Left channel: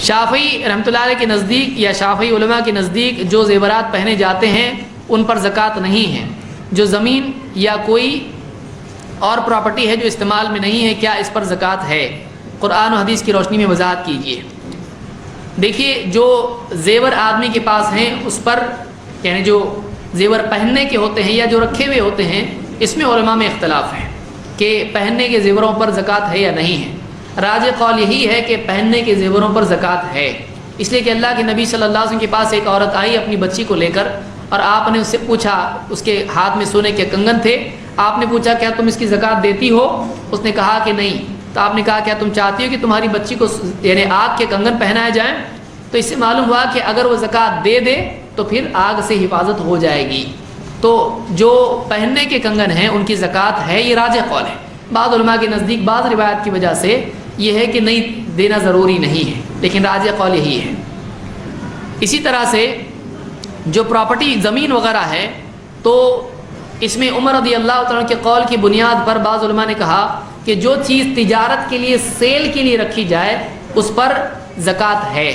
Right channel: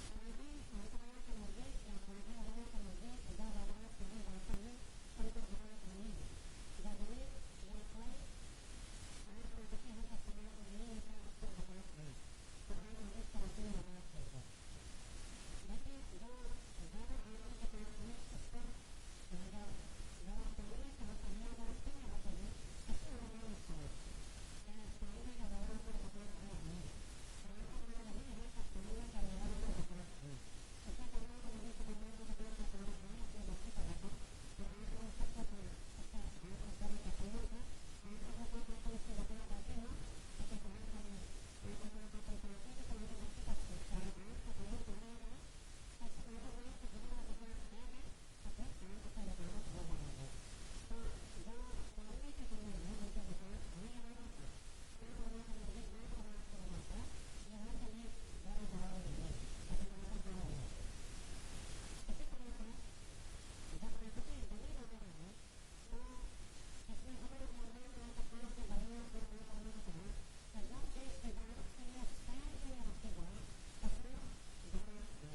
شافعی رحمۃ اللہ علیہ کے نزدیک یا شافعی علماء کے نزدیک جو زیورات پہنے جاتے ہیں ان پر زکوٰۃ نہیں ہے. جو زمین یا کوئی اور پراپرٹی ہے جو استعمال میں نہیں ہے، کیا اس پر زکوٰۃ ہے؟ قرآن و حدیث کی روشنی میں وضاحت کیجیے. دیکھیے، جو زیور آدمی کے پاس ہیں اس پر، یعنی جو زیور پہننے کے ہوتے ہیں یا جو رکھے ہوئے ہوتے ہیں، اس میں علماء میں اختلاف ہے کہ پہننے کے زیوروں پر زکوٰۃ ہے یا نہیں ہے. راجح قول یہی ہے کہ پہننے کے زیوروں پر زکوٰۃ ہے، اس لیے کہ اللہ کے نبی صلی اللہ علیہ وسلم کے پاس ایک عورت آئی اپنی بچی کو لے کر، اور آپ نے اس سے پوچھا، اس کے ہاتھ میں سونے کے کنگن تھے، آپ نے پوچھا کیا تم اس کی زکوٰۃ دیتی ہو؟ اس نے کہا کہ نہیں. تو آپ نے کہا کیا تم چاہتی ہو کہ تمہاری بچی کو یعنی آگ کے کنگن پہنائے جائیں؟ تو اس سے معلوم ہوا کہ اگر وہ زکوٰۃ دے دے تو پھر آگ سے حفاظت ہو جائے گی. تو جو پہننے کے کنگن ہیں ان کی زکوٰۃ ہے، یہ راجح قول ہے. بعض علماء کے نزدیک بعض روایت کی وجہ سے یہ ہے کہ نہیں دینا ضروری نہیں ہے، لیکن راجح قول یہی ہے. اسی طرح سے جو پراپرٹی زمین وغیرہ ہے، تو اس میں عمر رضی اللہ تعالیٰ کے قول کی بنیاد پر بعض علماء نے کہا کہ جو چیز تجارت کے لیے، سیل کے لیے رکھی جائے اس پر زکوٰۃ ہے.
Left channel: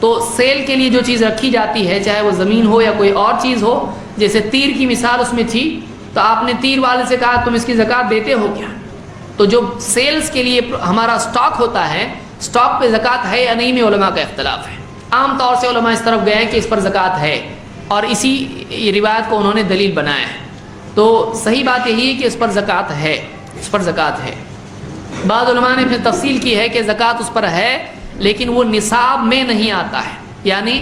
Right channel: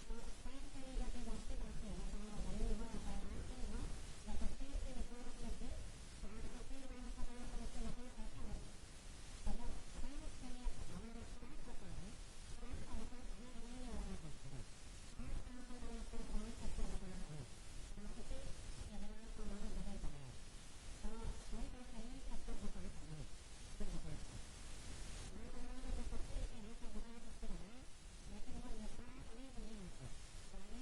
تو سیل کے لیے جو چیز رکھی جاتی ہے، چاہے وہ زمین ہو یا کوئی اور چیز ہو، جیسے تیر کی مثال اس میں تھی، تو آپ نے تیر والے سے کہا تم اس کی زکوٰۃ دیتے ہو کیا؟ تو جو سیلز کے لیے ہمارا سٹاک ہوتا ہے، سٹاک پہ زکوٰۃ ہے یا نہیں میں علماء کا اختلاف ہے. عام طور سے علماء اس طرف گئے ہیں کہ اس پر زکوٰۃ ہے، اور اسی روایت کو انہوں نے دلیل بنایا ہے. تو صحیح بات یہی ہے کہ اس پر زکوٰۃ ہے، اس پر زکوٰۃ ہے. بعض علماء نے پھر تفصیل کی ہے کہ زکوٰۃ اس پر ہے لیکن وہ نصاب میں نہیں آتا ہے، یعنی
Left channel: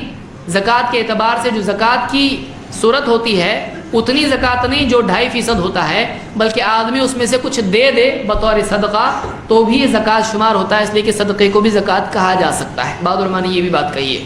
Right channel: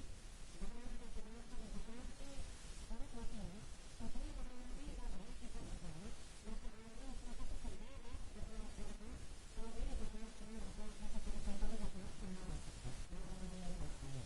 زکوٰۃ کے اعتبار سے جو زکوٰۃ کی صورت ہوتی ہے اتنی زکوٰۃ نہیں جو 2.5% ہوتا ہے، بلکہ آدمی اس میں سے کچھ دے دے بطور صدقہ تو بھی یہ زکوٰۃ شمار ہوتا ہے، اس لیے کہ صدقے کو بھی زکوٰۃ کہا جا سکتا ہے. بعض علماء نے یہ بھی بات کہی ہے.